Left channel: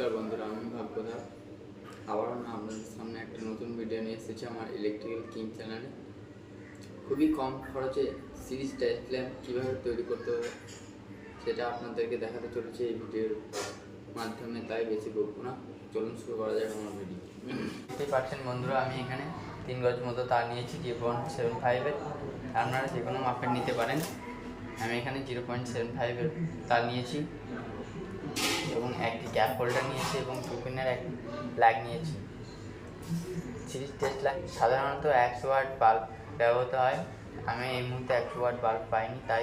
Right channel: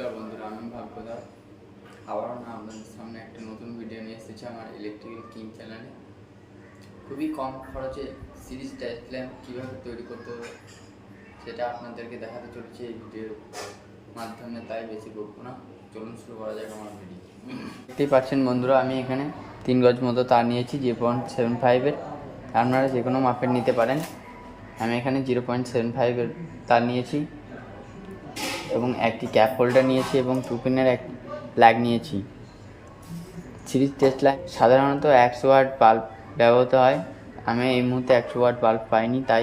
নমস্কার বন্ধুরা, আমি ভাগ্যধর আবারও আপনাদের সামনে একটা নতুন ভিডিও নিয়ে এসেছি আমার ইলেকট্রিক্যাল কিং চ্যানেলে। খুবই কম খরচে সিরিজ টেস্ট ল্যাম্প কীভাবে তৈরি করতে হবে সেটা আপনাদেরকে দেখাতে চলেছে এই ভিডিওর মাধ্যমে, তাই বেশি বকবো না, চলুন শুরু করা যাক আমার ভিডিও। দেখতেই পাচ্ছেন বন্ধুরা, আমি এখানে 3 গজ মতো তার নিয়েছি 0.75-এর। আপনারা যে কোনো মাপের নিতে পারেন। আমি এখানে 0.75-এর তার নিয়েছি এবং একটি ক্যাপ হোল্ডার নিয়েছি এবং 2 পিনের একটি প্লাগ নিয়েছি। সিরিজ টেস্ট লাইট সাধারণত 100 ওয়াট বাল্ব ব্যবহৃত হয়। আমি এই মুহূর্তে 100 ওয়াট বাল্ব পাইনি, তাই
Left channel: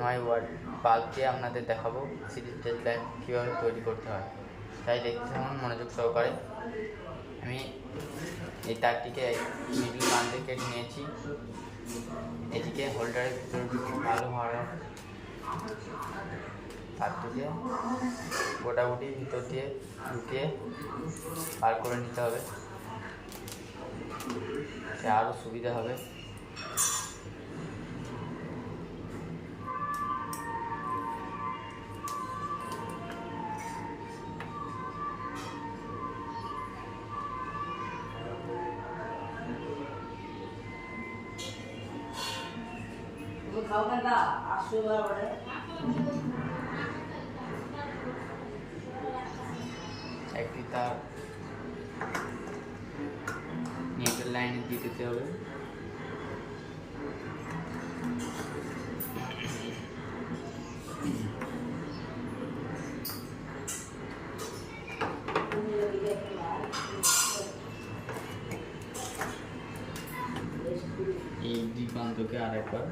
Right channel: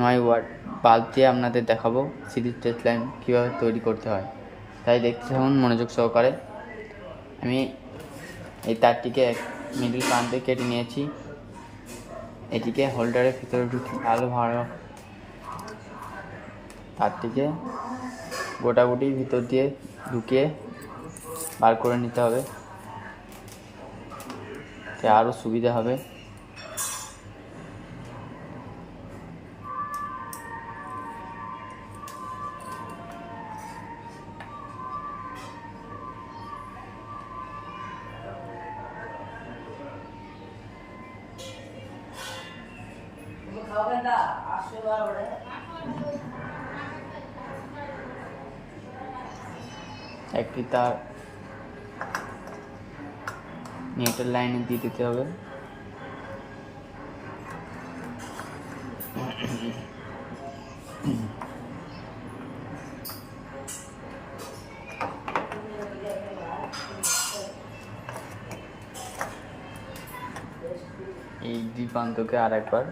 9 ওয়াট বাল্ব দিয়ে আপনাদের দেখাবো সিরিজ টেস্ট লাইট কীভাবে তৈরি করতে হয়। তাই দেখতে থাকুন মনোযোগ সহকারে। আমি এই তারটিকে মিডল প্রান্তে কেটে নিয়েছি। এটিকে হোল্ডারের ভিতরে ভালো তারটিকে গোটাগুটি ভিতর দিয়ে ঢুকিয়ে বার করে নিতে হবে, আরও সুবিধা হবে। একটি তার নিউট্রাল লাইনে দিয়ে দিতে হবে। এই দুই প্রান্তকে আর একবার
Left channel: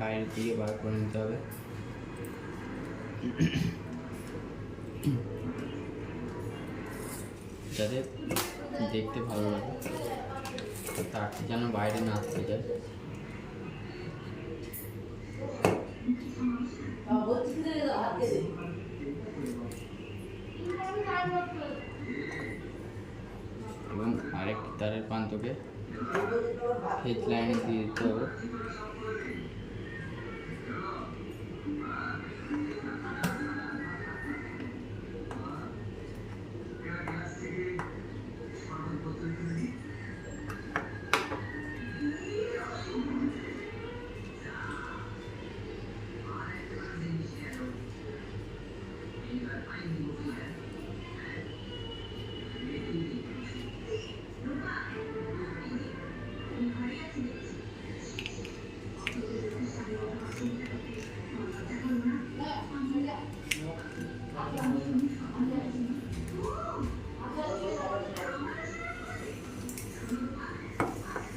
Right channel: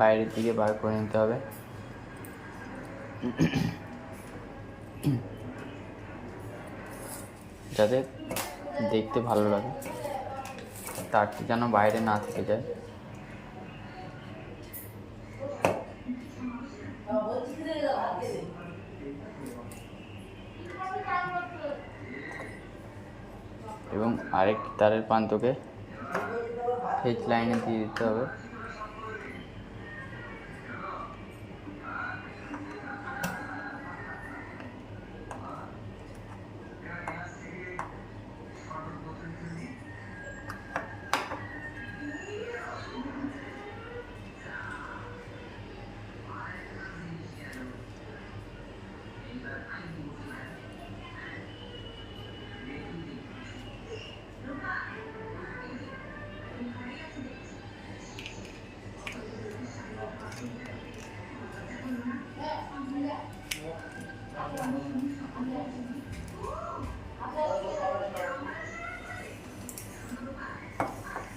বাইরের দিকে বার করে নিতে হবে। যাতে দেখতে ভালো লাগে, তারটি যেন বাইরে না থেকে যায়। এবং আরেকটি তারের প্রান্তকে ফেজ লাইনে দিয়ে দিতে হবে।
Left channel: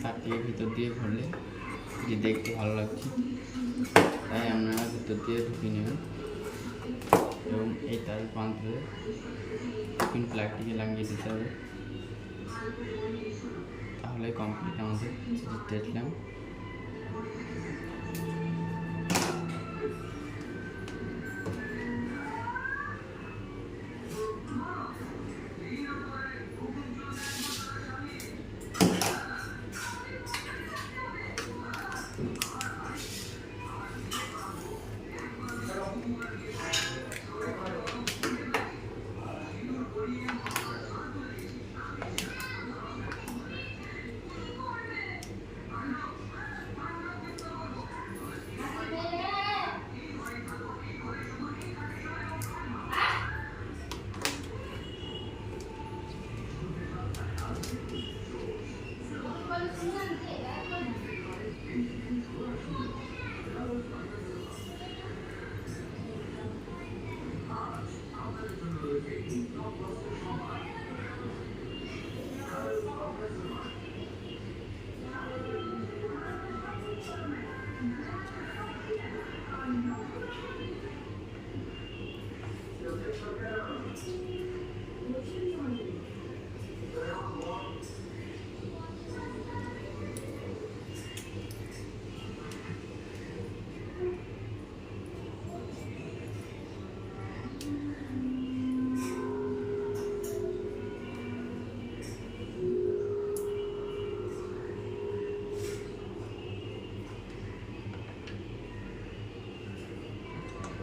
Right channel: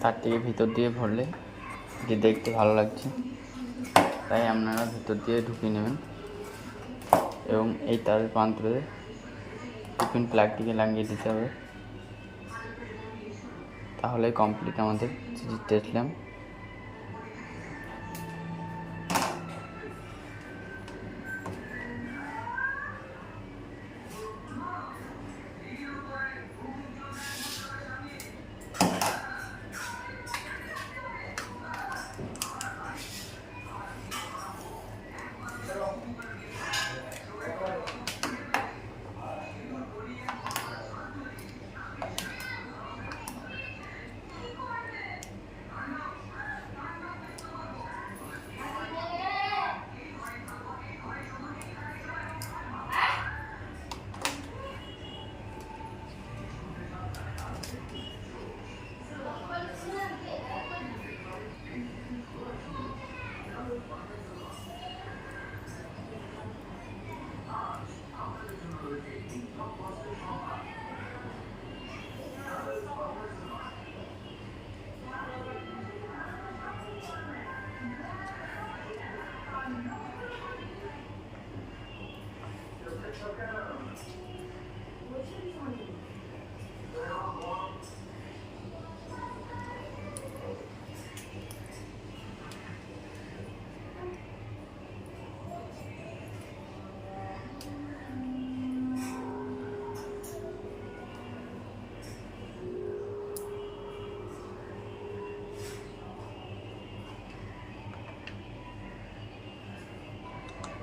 তার থেকে ভিতর দিয়ে ভরলে যে দেখতে ভালো লাগছে, তাই আপনারা ভিতর দিয়ে ঢুকিয়ে নেবেন এবং এই তারের প্রান্তে টিফিন প্লাগটিকে লাগিয়ে দিতে হবে। তাহলে কমপ্লিট আমাদের সিরিজ টেস্ট ল্যাম্প।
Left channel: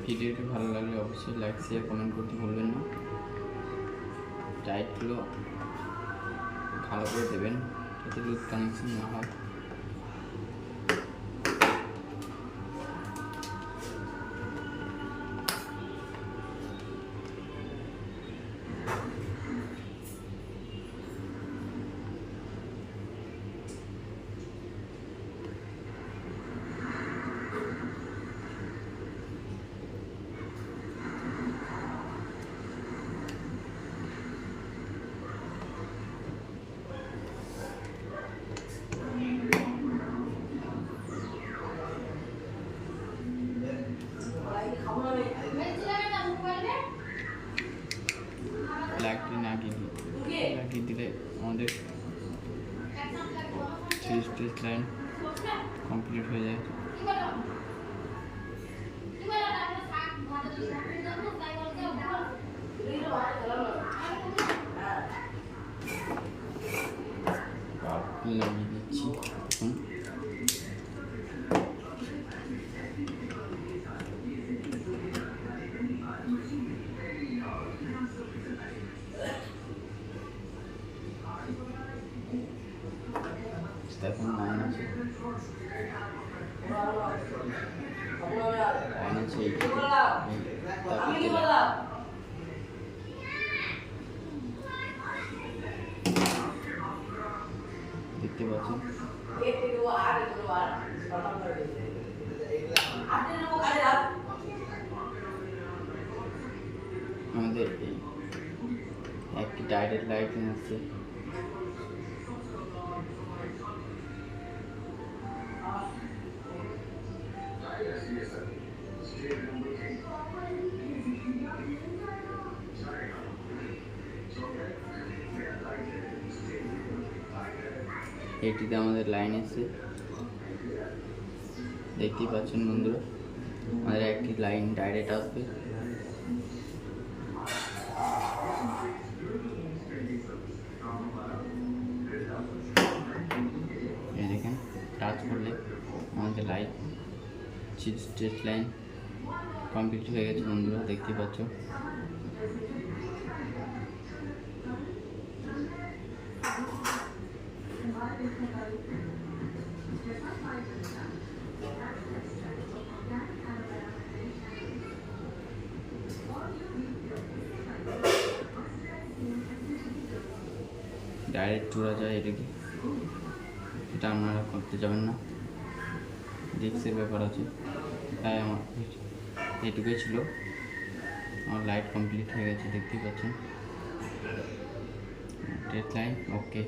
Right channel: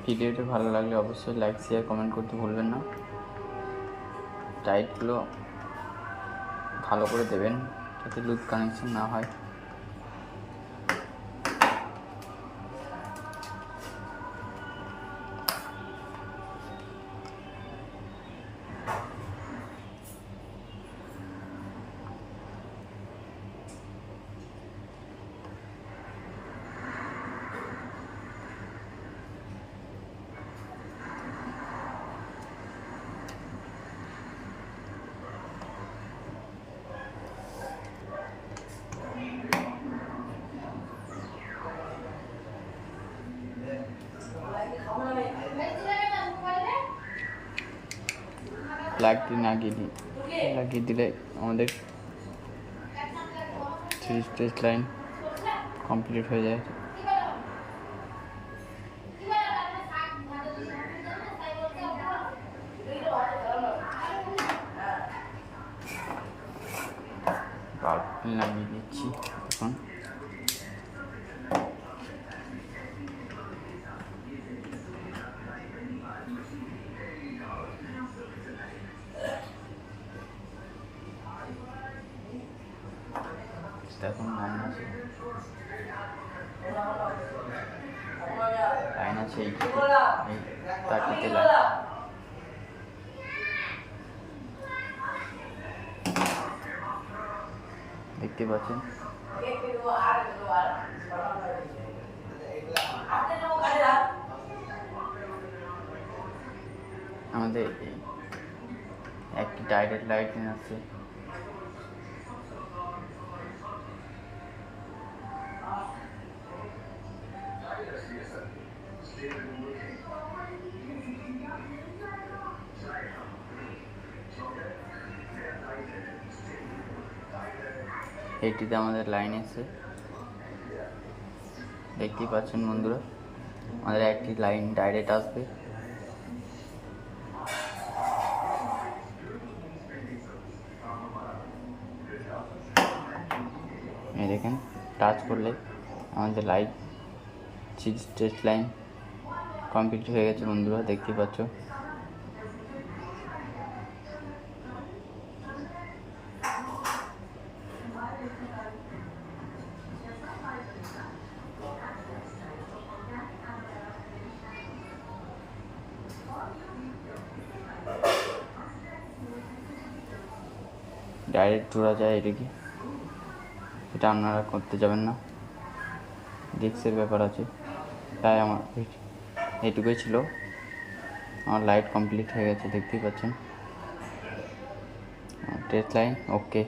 ভিডিওটি ভালো লাগলে অবশ্যই লাইক শেয়ার কমেন্ট করতে ভুলবেন না। টাইটগুলো ভালো করে দেবেন যাতে লুজ কানেকশন না হয়। প্লাগটি লাগিয়ে দিলে আমাদের 3 স্টেজ লাইন কমপ্লিট হয়ে যায়। লাগিয়ে দিচ্ছি এখন। এখন লাইন আছে এই তাকিতে দেখতে পাচ্ছেন। আমাদের একটি ডাইরেক্ট লাইটিং আছে, এইটিতে আমাদের লাইন এসে দেখতেই পাচ্ছেন বন্ধুরা, আমাদের একটি লাইন ডাইরেক্ট আসবে। এই দেখেন টাচ করলে আমাদের লাইট স্ট্রেট লাইন কমপ্লিট হয়ে গেছে বন্ধুরা, দেখতেই পাচ্ছ। ডাইরেক্ট জোড়া যায় এদিকে, এটা আপনারা করতে যাবেন না, রিস্কের ব্যাপার আছে। তাই আমার এইটুকুই ছিল, আমার লাইট কমপ্লিট হয়ে গেছে দেখতেই পাচ্ছেন। স্ট্রেট লাইন ওকে।